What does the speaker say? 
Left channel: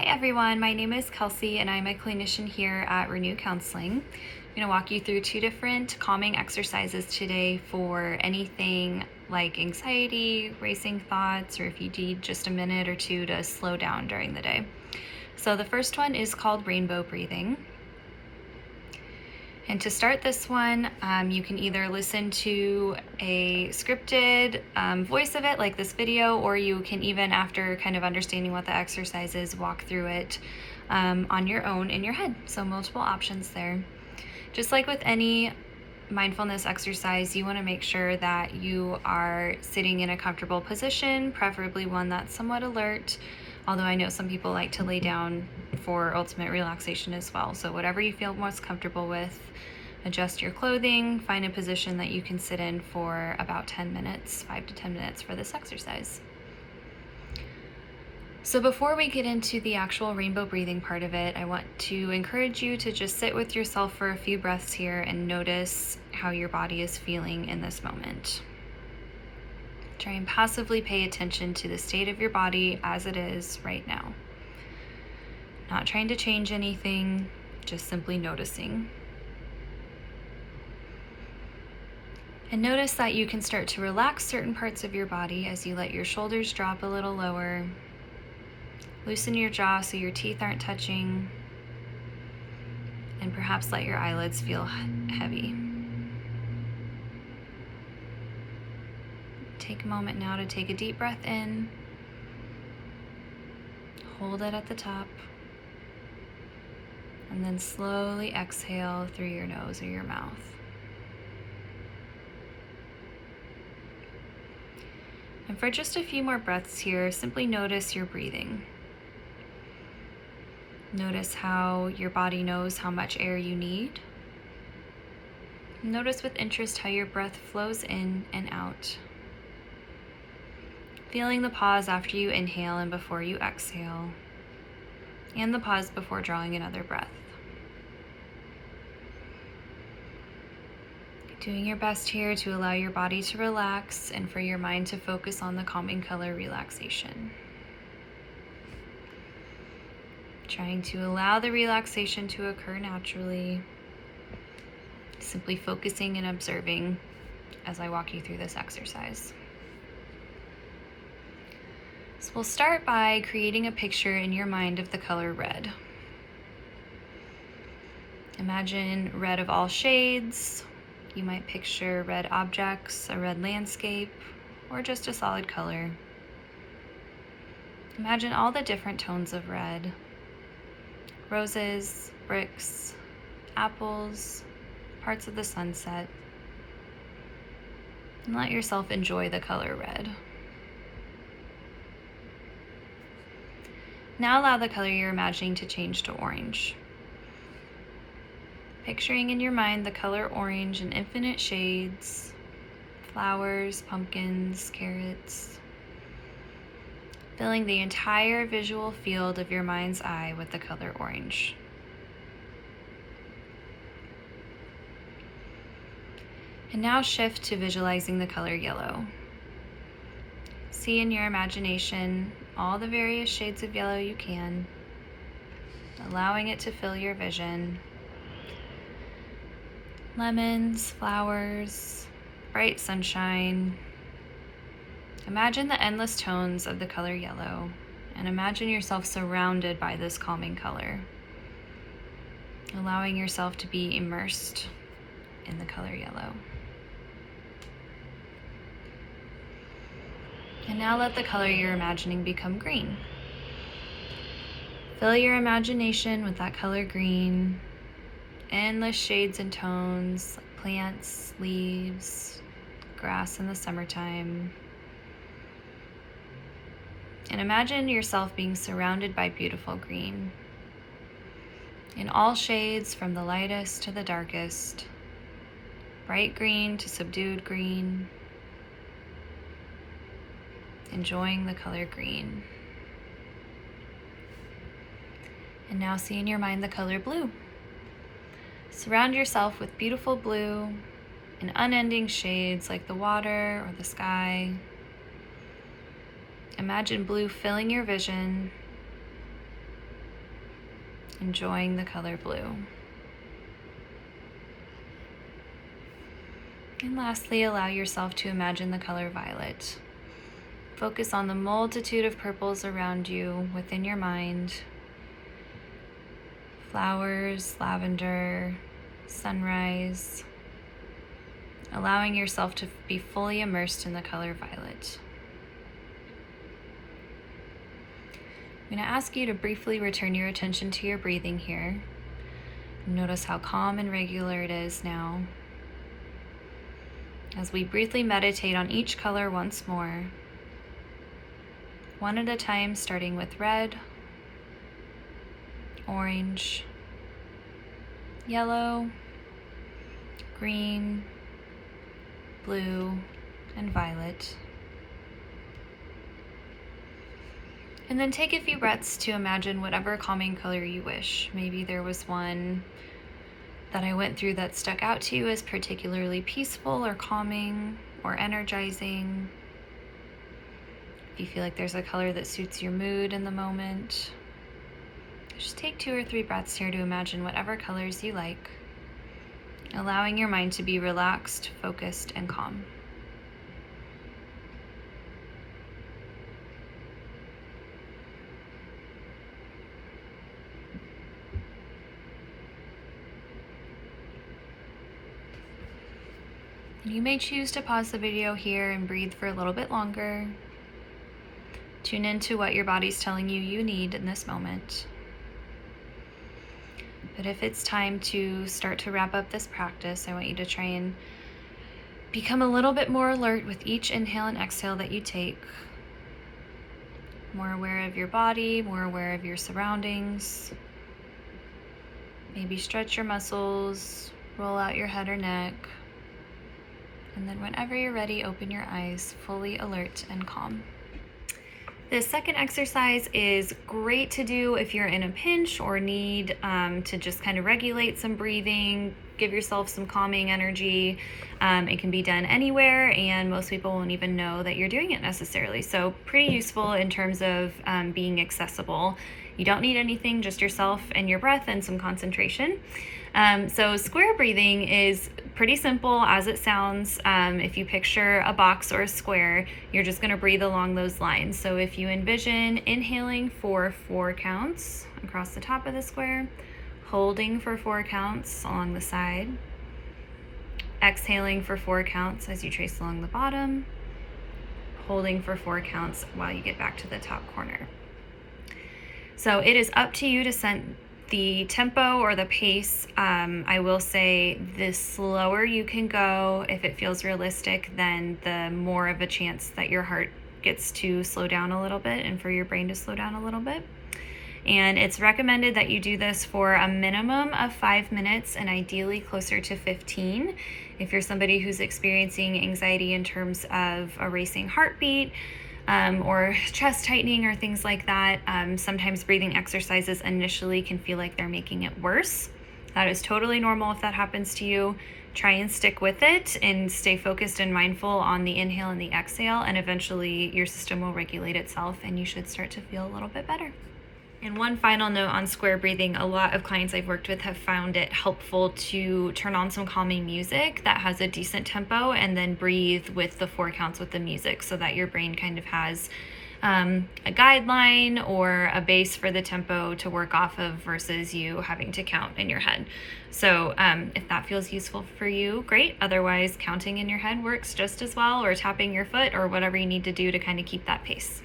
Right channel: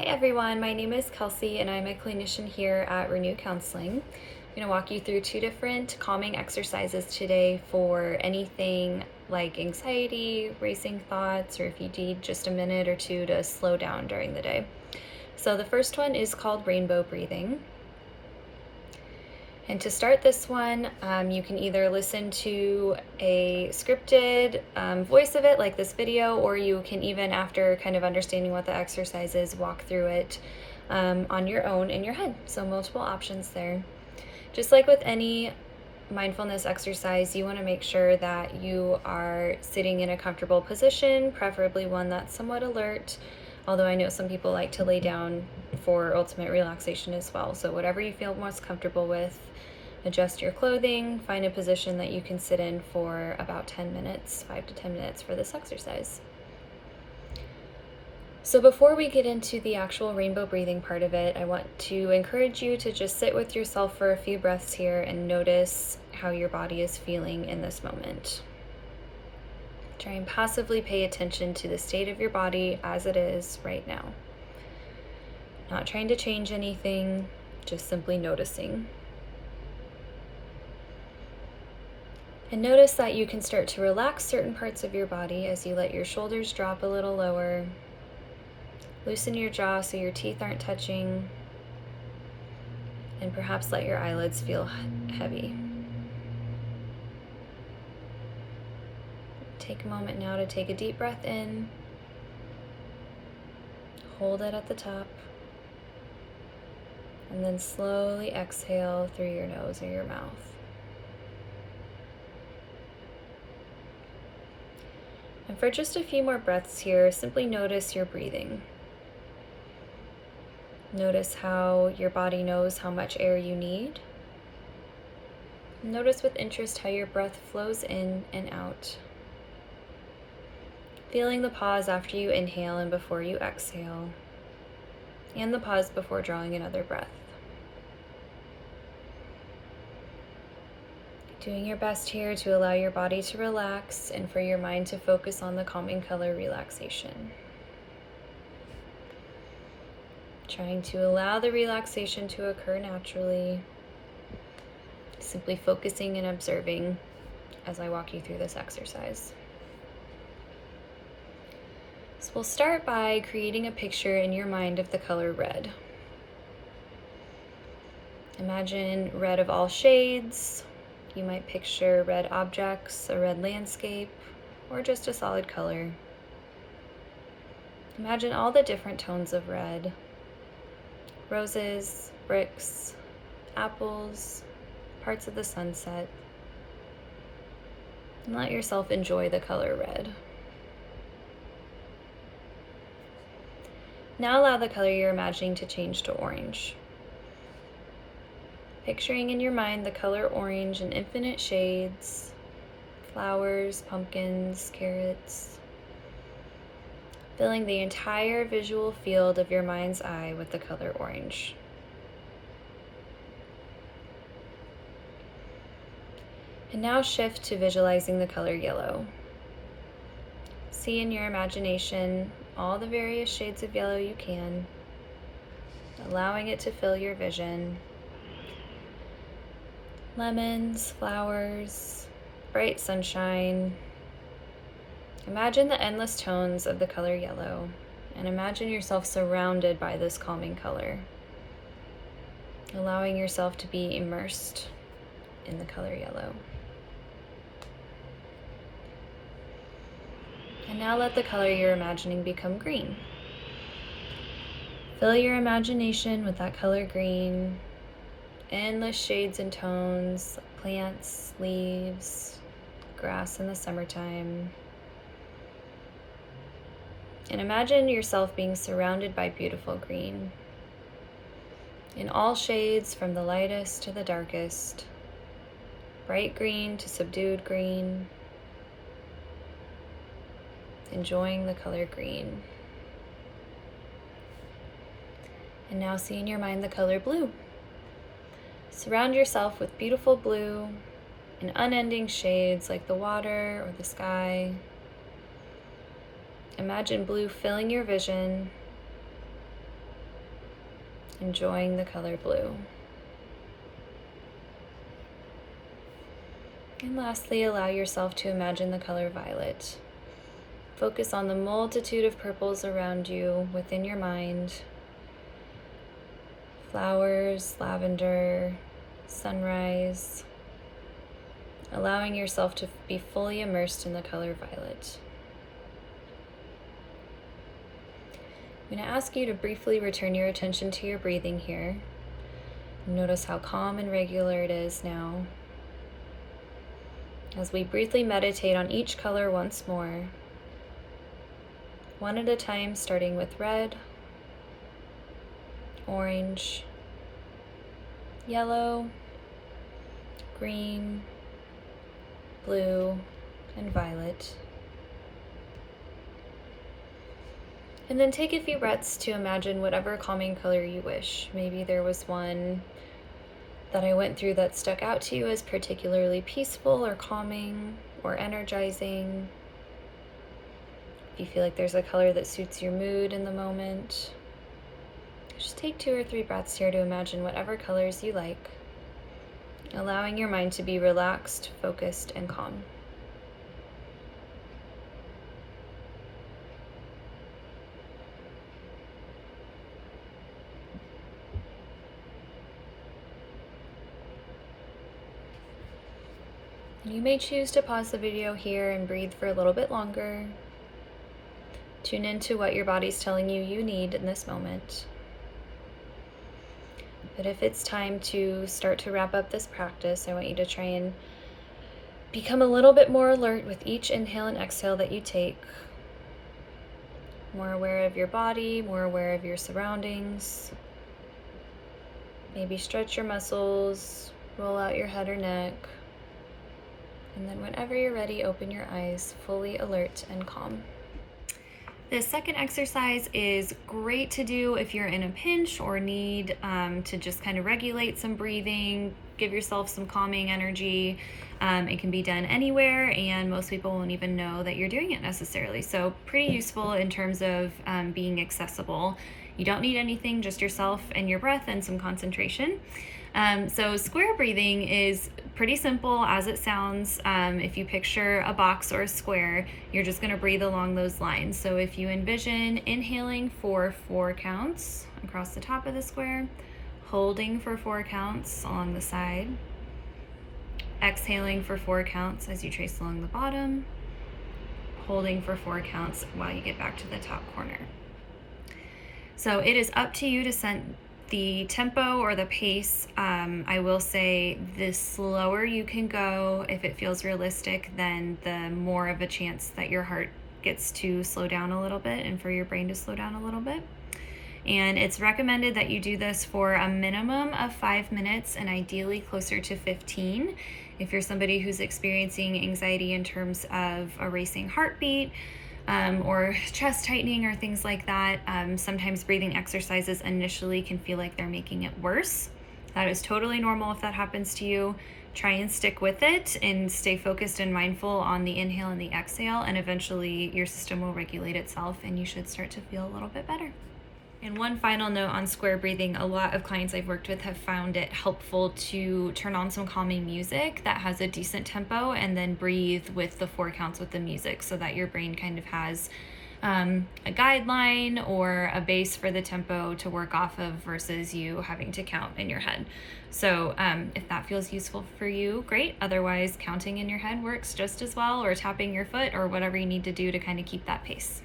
Hi everyone, my name is Kelsi and I'm a clinician here at Renew Counseling. I'm going to walk you through 2 different calming exercises today for anything like anxiety, racing thoughts, or if you need just a minute or 2 to slow down during the day. So the first one is called rainbow breathing. And to start this one, you can either listen to a scripted voice of it, like this video, or you can even, after kind of understanding what the exercise is, walk through it on your own in your head. So multiple options there. Just like with any mindfulness exercise, you want to make sure that you are sitting in a comfortable position, preferably one that's somewhat alert, although I know some people like to lay down for ultimate relaxation as well. So whatever you feel most comfortable with, adjust your clothing, find a position that you can sit in for about 10 minutes, 5 to 10 minutes for this exercise. So before we get into the actual rainbow breathing part of it, I want to encourage you to just sit with yourself for a few breaths here and notice how your body is feeling in this moment. Try and passively pay attention to the state of your body as it is right now. Not trying to change anything, just simply noticing. And notice that you can start to relax certain parts of your body as you let your shoulders drop a little lower. Loosen your jaw so your teeth aren't touching. And perhaps let your eyelids feel heavy. Take a moment now to take a deep breath in. Hold it at the top. And then slowly exhale through your nose or your mouth. And for just a few more breaths here, simply notice your breathing. Notice how your body knows how much air you need. Notice with interest how your breath flows in and out. Feeling the pause after you inhale and before you exhale, and the pause before drawing another breath. Doing your best here to allow your body to relax and for your mind to focus on the calming color relaxation. Trying to allow the relaxation to occur naturally. Simply focusing and observing as I walk you through this exercise. So we'll start by creating a picture in your mind of the color red. Imagine red of all shades. You might picture red objects, a red landscape, or just a solid color. Imagine all the different tones of red. Roses, bricks, apples, parts of the sunset. And let yourself enjoy the color red. Now allow the color you're imagining to change to orange. Picturing in your mind the color orange in infinite shades, flowers, pumpkins, carrots, filling the entire visual field of your mind's eye with the color orange. And now shift to visualizing the color yellow. See in your imagination all the various shades of yellow you can, allowing it to fill your vision. Lemons, flowers, bright sunshine. Imagine the endless tones of the color yellow, and imagine yourself surrounded by this calming color, allowing yourself to be immersed in the color yellow. And now let the color you're imagining become green. Fill your imagination with that color green. Endless shades and tones, plants, leaves, grass in the summertime. And imagine yourself being surrounded by beautiful green. In all shades from the lightest to the darkest. Bright green to subdued green. Enjoying the color green. And now see in your mind the color blue. Surround yourself with beautiful blue in unending shades like the water or the sky. Imagine blue filling your vision, enjoying the color blue. And lastly, allow yourself to imagine the color violet. Focus on the multitude of purples around you within your mind. Flowers, lavender, sunrise. Allowing yourself to be fully immersed in the color violet. I'm going to ask you to briefly return your attention to your breathing here. Notice how calm and regular it is now. As we briefly meditate on each color once more, one at a time, starting with red, orange, yellow, green, blue, and violet. And then take a few breaths to imagine whatever calming color you wish. Maybe there was one that I went through that stuck out to you as particularly peaceful or calming or energizing. If you feel like there's a color that suits your mood in the moment, just take 2 or 3 breaths here to imagine whatever colors you like, allowing your mind to be relaxed, focused, and calm. You may choose to pause the video here and breathe for a little bit longer. Tune into what your body's telling you you need in this moment. But if it's time to start to wrap up this practice, I want you to try and become a little bit more alert with each inhale and exhale that you take. More aware of your body, more aware of your surroundings. Maybe stretch your muscles, roll out your head or neck. And then whenever you're ready, open your eyes, fully alert and calm. The second exercise is great to do if you're in a pinch or need to just kind of regulate some breathing, give yourself some calming energy. It can be done anywhere, and most people won't even know that you're doing it necessarily. So pretty useful in terms of being accessible. You don't need anything, just yourself and your breath and some concentration. So square breathing is pretty simple as it sounds. If you picture a box or a square, you're just going to breathe along those lines. So if you envision inhaling for 4 counts across the top of the square, holding for 4 counts along the side, exhaling for 4 counts as you trace along the bottom, holding for 4 counts while you get back to the top corner. So it is up to you to set the tempo or the pace. I will say the slower you can go, if it feels realistic, then the more of a chance that your heart gets to slow down a little bit and for your brain to slow down a little bit. And it's recommended that you do this for a minimum of 5 minutes and ideally closer to 15. If you're somebody who's experiencing anxiety in terms of a racing heartbeat, or chest tightening or things like that, sometimes breathing exercises initially can feel like they're making it worse. That is totally normal if that happens to you. Try and stick with it and stay focused and mindful on the inhale and the exhale, and eventually your system will regulate itself and you should start to feel a little bit better. And one final note on square breathing, a lot of clients I've worked with have found it helpful to turn on some calming music that has a decent tempo and then breathe with the 4 counts with the music so that your brain kind of has a guideline or a base for the tempo to work off of versus you having to count in your head. So if that feels useful for you, great. Otherwise, counting in your head works just as well, or tapping your foot or whatever you need to do to kind of keep that pace.